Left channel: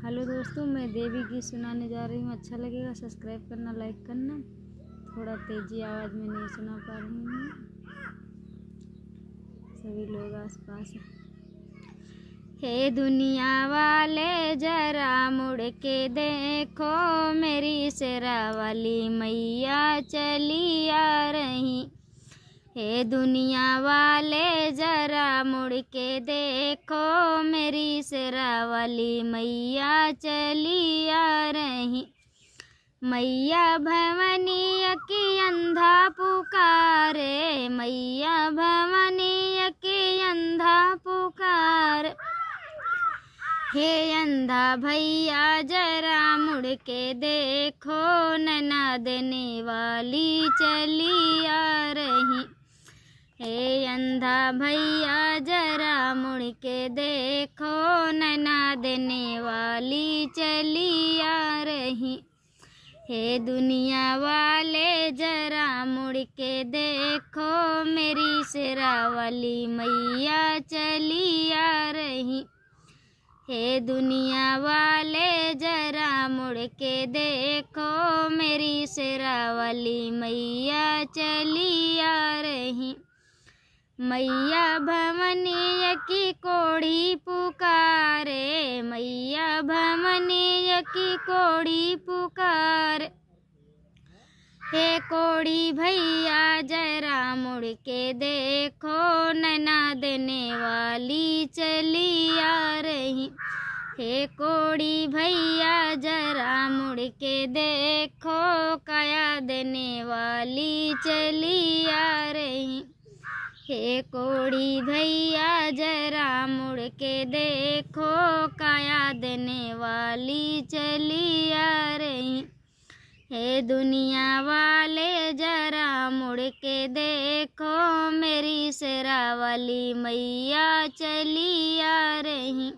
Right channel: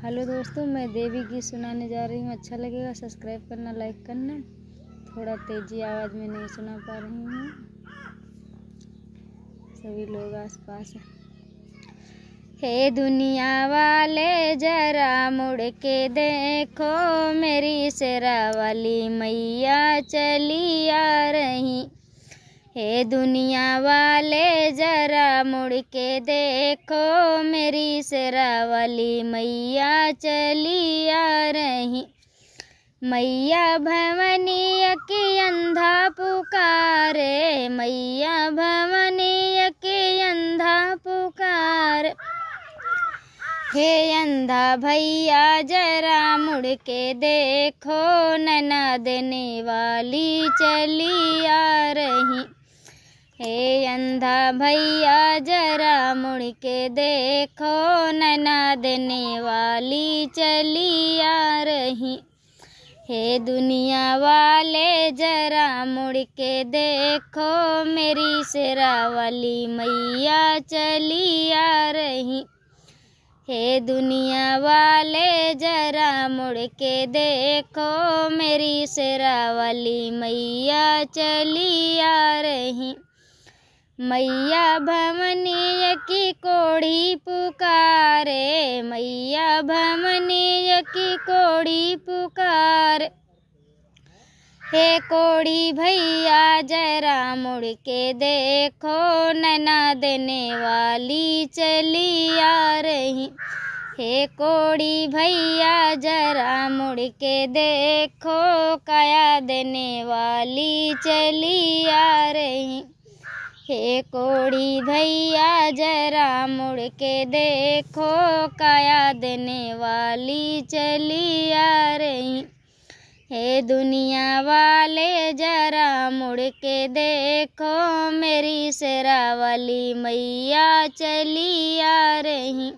Hello दोस्तों, मैं देवी गीत सुनाने जा रही हूँ। अच्छा लगेगा सब्सक्राइब करना, लाइक करना। थोड़ा तेज़ी आवाज़ में नहीं सुना पा रही हूँ, सभी लोग आसपास हैं। हे दुनिया वाले जरा मुड़ के देखो, मेरी शेरा वाली मैया चली आ रही। हे दुनिया वाले जरा मुड़ के देखो, मेरी शेरा वाली मैया चली आ रही। मैया भवनीय की अंधा पुकारे, मैया भवनीय की अंधा पुकार। हे अंधा भैया जरा मुड़ के देखो, नैना देने वाली चली आ रही। हे अंधा भैया जरा मुड़ के देखो, नैना देने वाली चली आ रही। हे दुनिया वाले जरा मुड़ के देखो, मेरी शेरा वाली मैया चली आ रही। हे दुनिया वाले जरा मुड़ के देखो, मेरी शेरा वाली मैया चली आ रही। मैया भवनीय की कोढ़ी पुकारे, मैया भवनीय की कोढ़ी पुकार। हे कोढ़ी भैया जरा मुड़ के देखो, नैना देने वाली चली आ रही। हे कोढ़ी भैया जरा मुड़ के देखो, काया देने वाली चली आ रही। हे कोढ़ी भैया जरा मुड़ के देखो, काया देने वाली चली आ रही। हे दुनिया वाले जरा मुड़ के देखो, मेरी शेरा वाली मैया चली आ रही।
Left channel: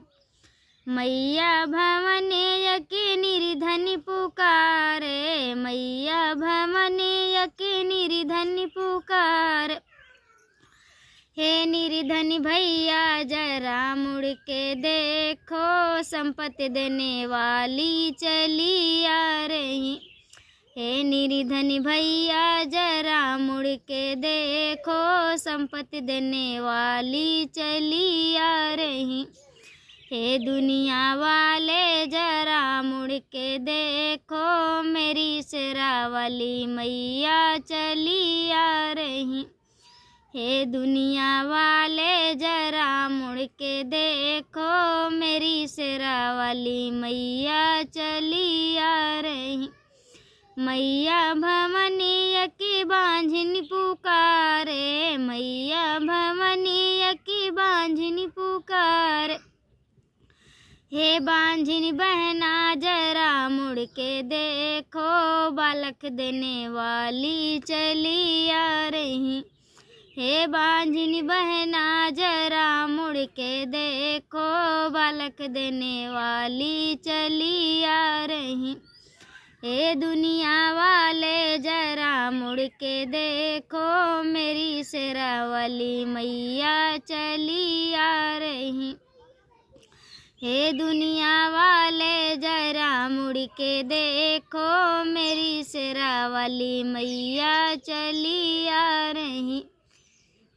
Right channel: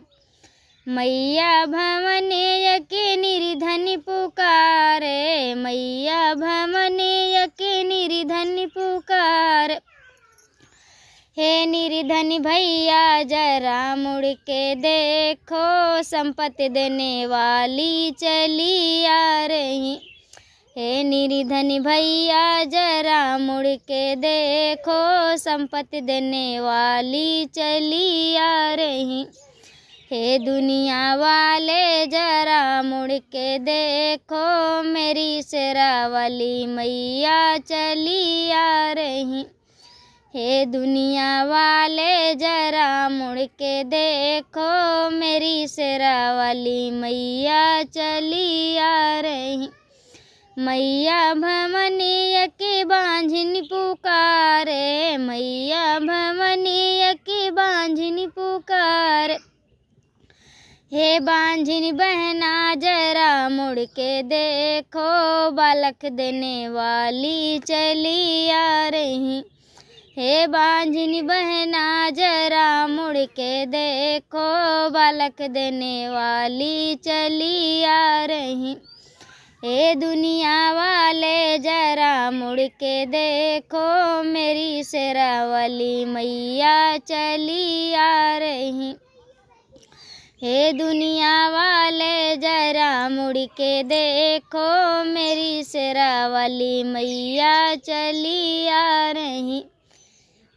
मैया भवनीय की निर्धन पुकारे, मैया भवनीय की निर्धन पुकार। हे निर्धन भैया जरा मुड़ के देखो, संपत्ति देने वाली चली आ रही। हे निर्धन भैया जरा मुड़ के देखो, संपत्ति देने वाली चली आ रही। हे दुनिया वाले जरा मुड़ के देखो, मेरी शेरा वाली मैया चली आ रही। हे दुनिया वाले जरा मुड़ के देखो, मेरी शेरा वाली मैया चली आ रही। मैया भवनीय की बांझिन पुकारे, मैया भवनीय की बांझिन पुकार। हे बांझिन बहना जरा मुड़ के देखो, बालक देने वाली चली आ रही। हे बांझिन बहना जरा मुड़ के देखो, बालक देने वाली चली आ रही। हे दुनिया वाले जरा मुड़ के देखो, मेरी शेरा वाली मैया चली आ रही। हे दुनिया वाले जरा मुड़ के देखो, मेरी शेरा वाली मैया चली आ रही।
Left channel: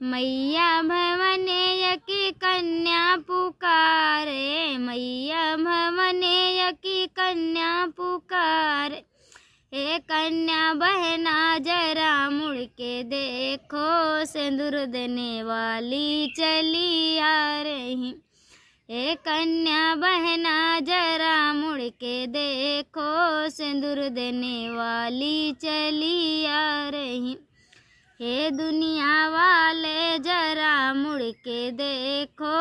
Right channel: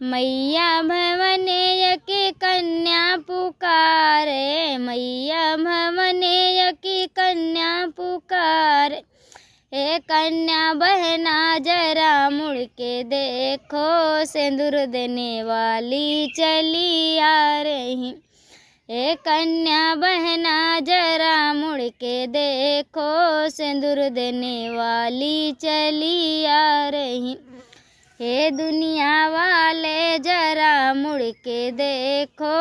मैया भवनीय की कन्या पुकारे, मैया भवनीय की कन्या पुकार। हे कन्या बहना जरा मुड़ के देखो, सिंदूर देने वाली चली आ रही। हे कन्या बहना जरा मुड़ के देखो, सिंदूर देने वाली चली आ रही। हे दुनिया वाले जरा मुड़ के देखो,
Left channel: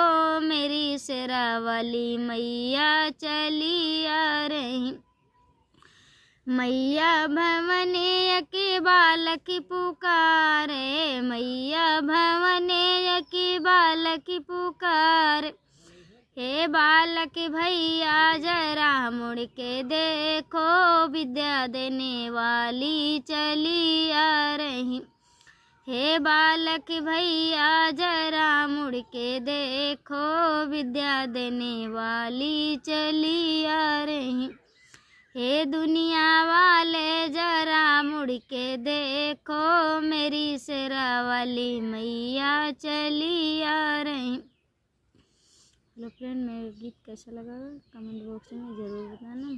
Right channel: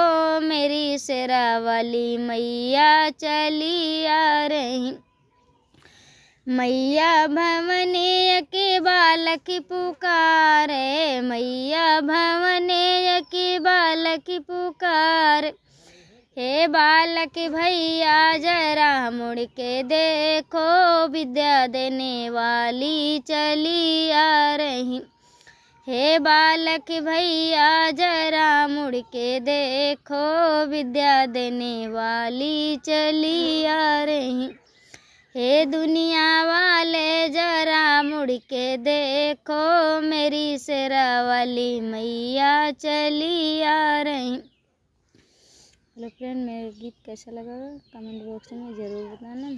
मेरी शेरा वाली मैया चली आ रही। मैया भवनीय की बालक पुकारे, मैया भवनीय की बालक पुकार। हे बालक भैया जरा मुड़ के देखो, विद्या देने वाली चली आ रही। हे बालक भैया जरा मुड़ के देखो, विद्या देने वाली चली आ रही। हे दुनिया वाले जरा मुड़ के देखो, मेरी शेरा वाली मैया चली आ रही। हेलो फ्रेंड, मेरा गीत कैसा लगा कमेंट बॉक्स में ज़रूर बताना।